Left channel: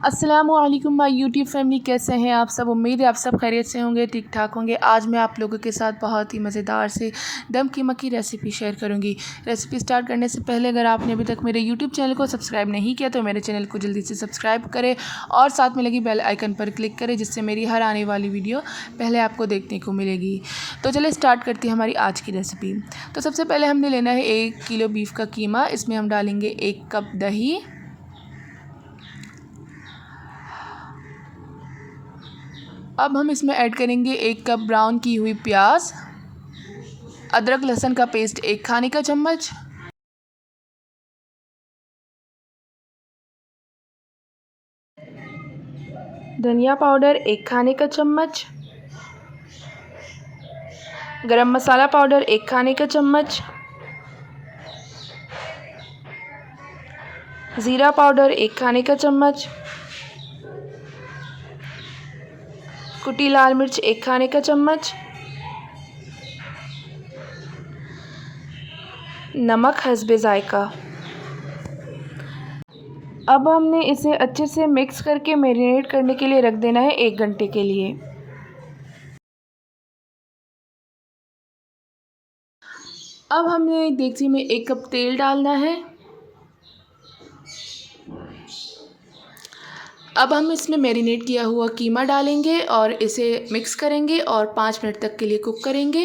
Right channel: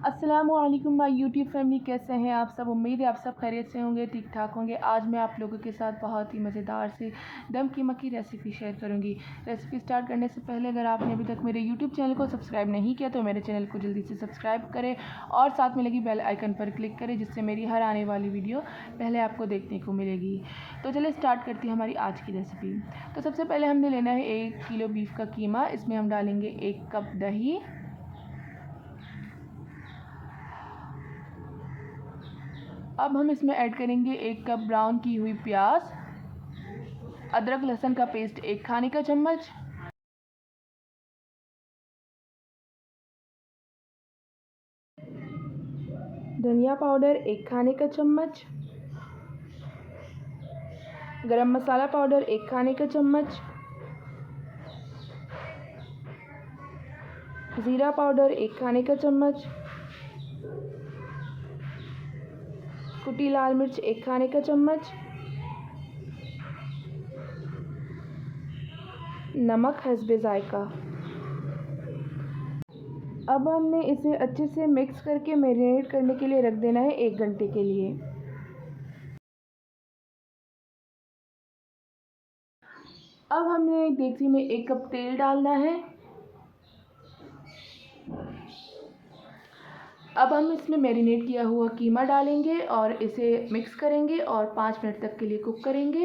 अस्सलामुअलैकुम my YouTube family, कैसे हैं आप सब। उम्मीद है आप सब खैरियत से होंगे, ठीक ठाक होंगे। आज मैं आप लोगों के साथ बहुत ही मज़ेदार से दम कीमा की रेसिपी शेयर करूंगी। रेसिपी स्टार्ट करने से पहले अगर आपने अभी तक मेरे यूट्यूब चैनल को सब्सक्राइब नहीं किया तो मेरे चैनल को जल्दी से सब्सक्राइब करें और साथ में लगी बेल आइकन पर क्लिक करें, जिससे मेरी हर आने वाली वीडियो पहले आपको देखने को मिलेगी। तो चलिए स्टार्ट करती है हमारी आज की रेसिपी। तो सबसे पहले हमने लेना है 1 किलो बीफ का कीमा। इसमें हम डालेंगे 1 कप दही, अब हम इसमें ऐड करेंगे 1 कप ब्राउन की हुई प्याज, अदरक लहसुन का पेस्ट 1 खाने का चम्मच, धनिया पाउडर 1 खाने का चम्मच, गरम मसाला पाउडर 1 खाने का चम्मच, ज़ीरा पाउडर 1 खाने का चम्मच, कुटी लाल मिर्च 1 खाने का चम्मच, नमक हस्बे ज़ायका। अब हमने इसे अच्छे से मिक्स करके मैरिनेट करने के लिए रख देना है 1 घंटे के लिए। अब हमें देगची में 1 कप तेल डालना है। अब हम इसमें मैरिनेट किया हुआ कीमा डालेंगे और इसे मिक्स करेंगे और 5 मिनट तक के लिए कुक करेंगे।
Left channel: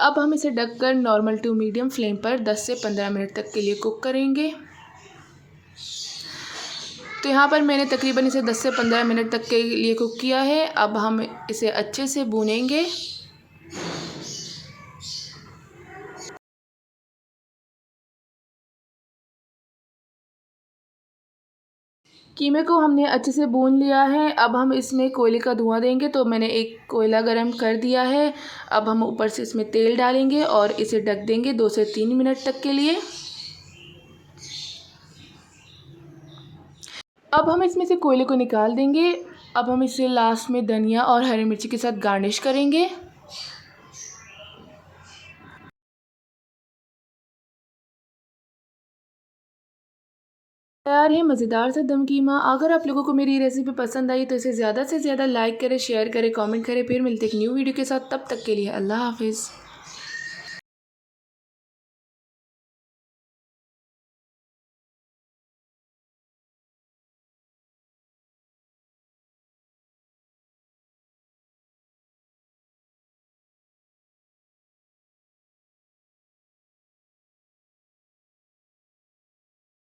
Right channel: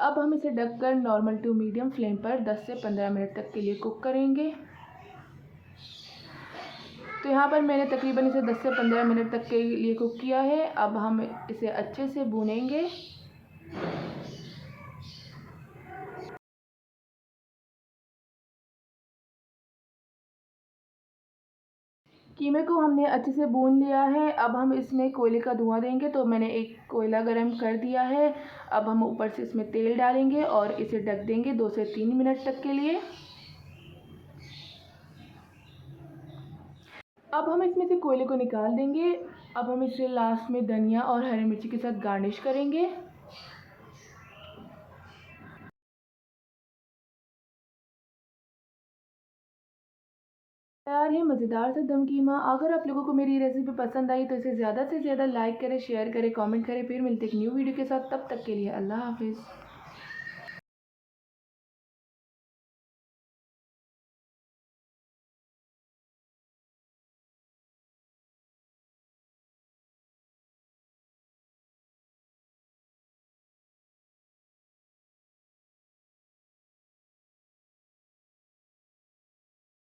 अब हम इसे ढककर नॉर्मल टू मीडियम फ्लेम पर 10 से 15 मिनट तक के लिए कुक करेंगे। तो यहाँ पर मैंने तकरीबन इसे 10 से 15 मिनट तक के लिए कुक किया है। अब हम इसे अच्छे से भूनेंगे। कीमे को हमने अच्छे से भून लिया है। अब हम इसमें कोयले का धुआं देंगे, तो मैंने एक कोयला गरम कर दिया है। अब हम ऊपर से इसमें तेल डालेंगे और इसे ढक देंगे 2 से 3 मिनट तक के लिए। अब हम इसमें से कोयले को निकाल देंगे। अब हम इसे लास्ट में धनिया और हरी मिर्ची के साथ गार्निश करेंगे। तैयार है मज़ेदार सा दम कीमा। अगर आप लोगों को मेरी रेसिपी पसंद आई तो इसे ज़्यादा से ज़्यादा लाइक करें, शेयर करें, कमेंट करें। फिर मिलते एक न्यू वीडियो के साथ, तब तक के लिए अल्लाह हाफिज़।